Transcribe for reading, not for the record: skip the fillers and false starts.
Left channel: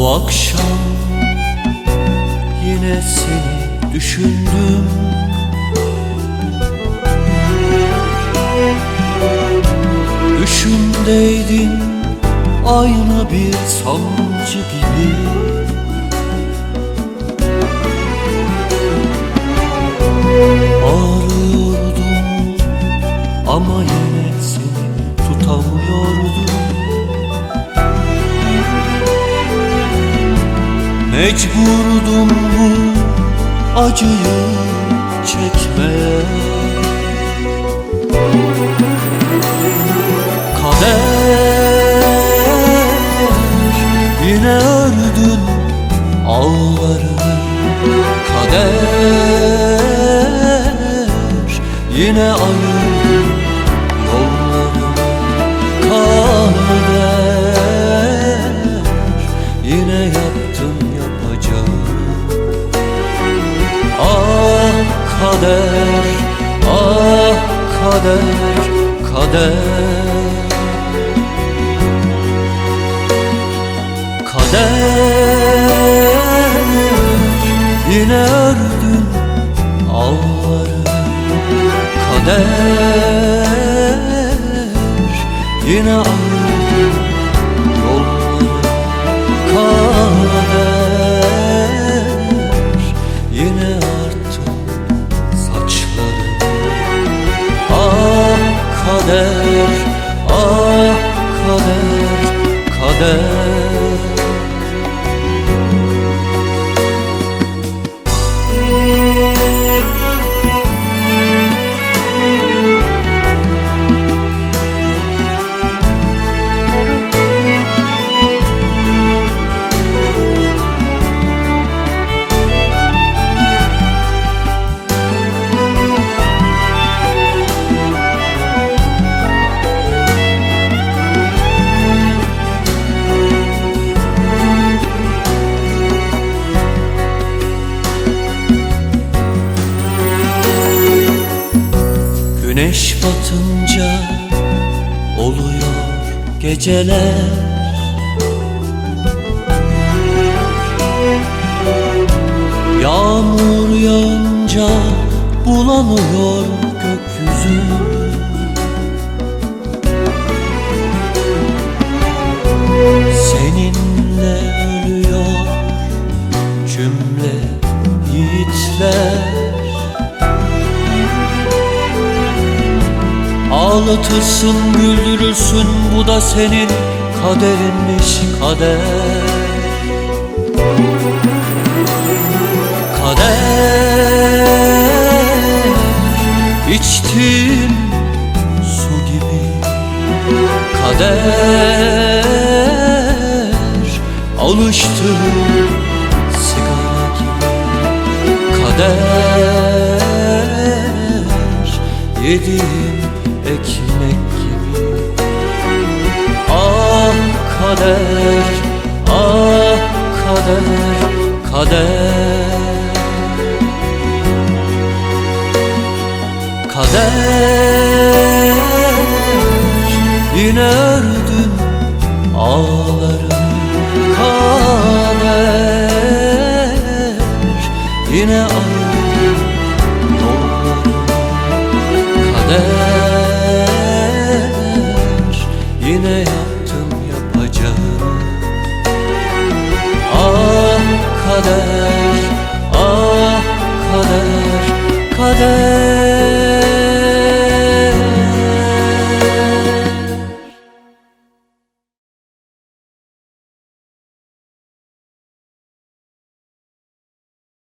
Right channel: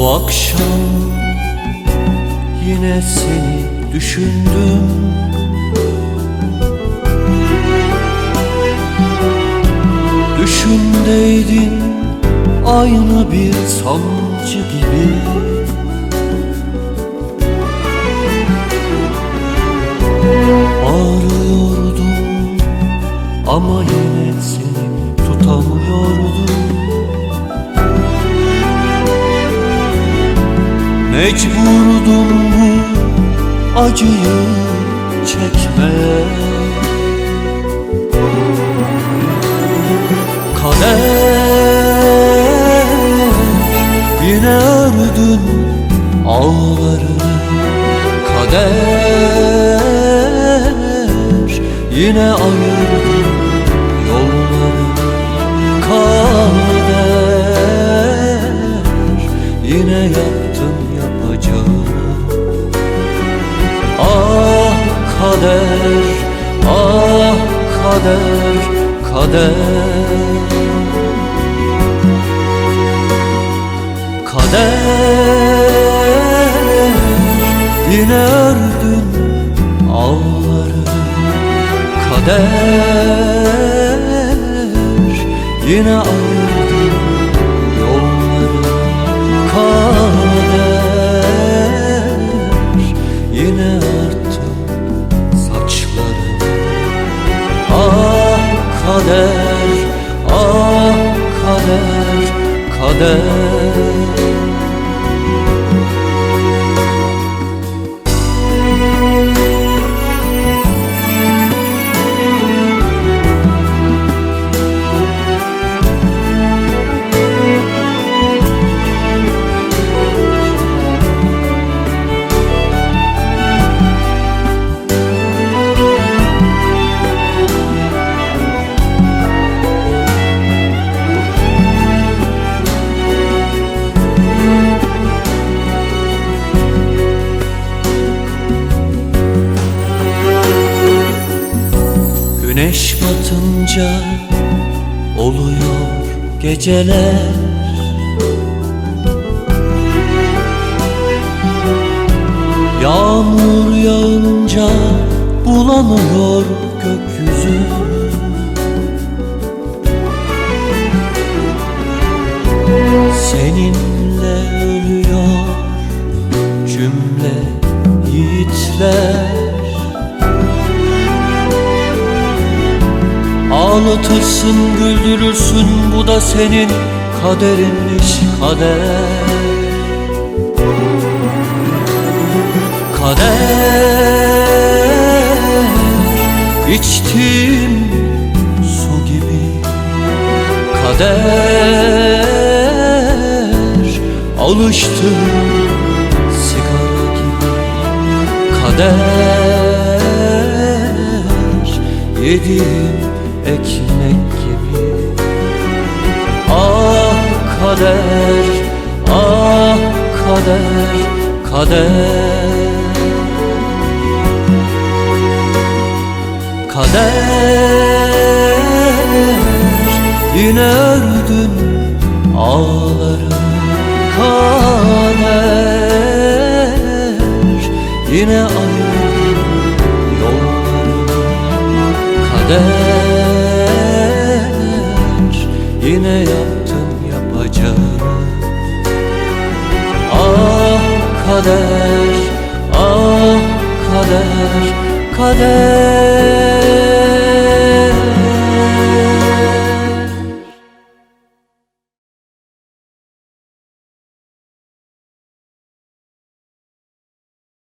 Bu akşam yine seni düşündüm. Düşümdeydin aynı bir sancı gibi. Bağırıyordum ama yine seni tutamıyordum. Mecburdum bu acıyı çekmeye. Kader, yine ördün ağlarını. Kader, yine ayırdın yollarını. Kader, yine yaptın yapacağını. Ah kader, ah kader, kader. Kader, yine ördün ağlarını. Kader, yine ayırdın yollarını. Kader, yine arttın saçlarını. Ah kader, ah kader, kader. Güneş batınca oluyor geceler. Yağmur yağınca bulanıyor gökyüzü. Seninle ölüyor cümle yiğitler. Ağlatırsın, güldürürsün, bu da senin kaderinmiş kader. Kader, içtiğim su gibi. Kader, alıştığım sigara gibi. Kader, yediğim ekmek gibi. Ah kader, ah kader, kader. Kader, yine ördün ağlarını. Kader, yine ayırdın yollarını. Kader, yine yaptım yapacağını. Ah kader, ah kader, kader.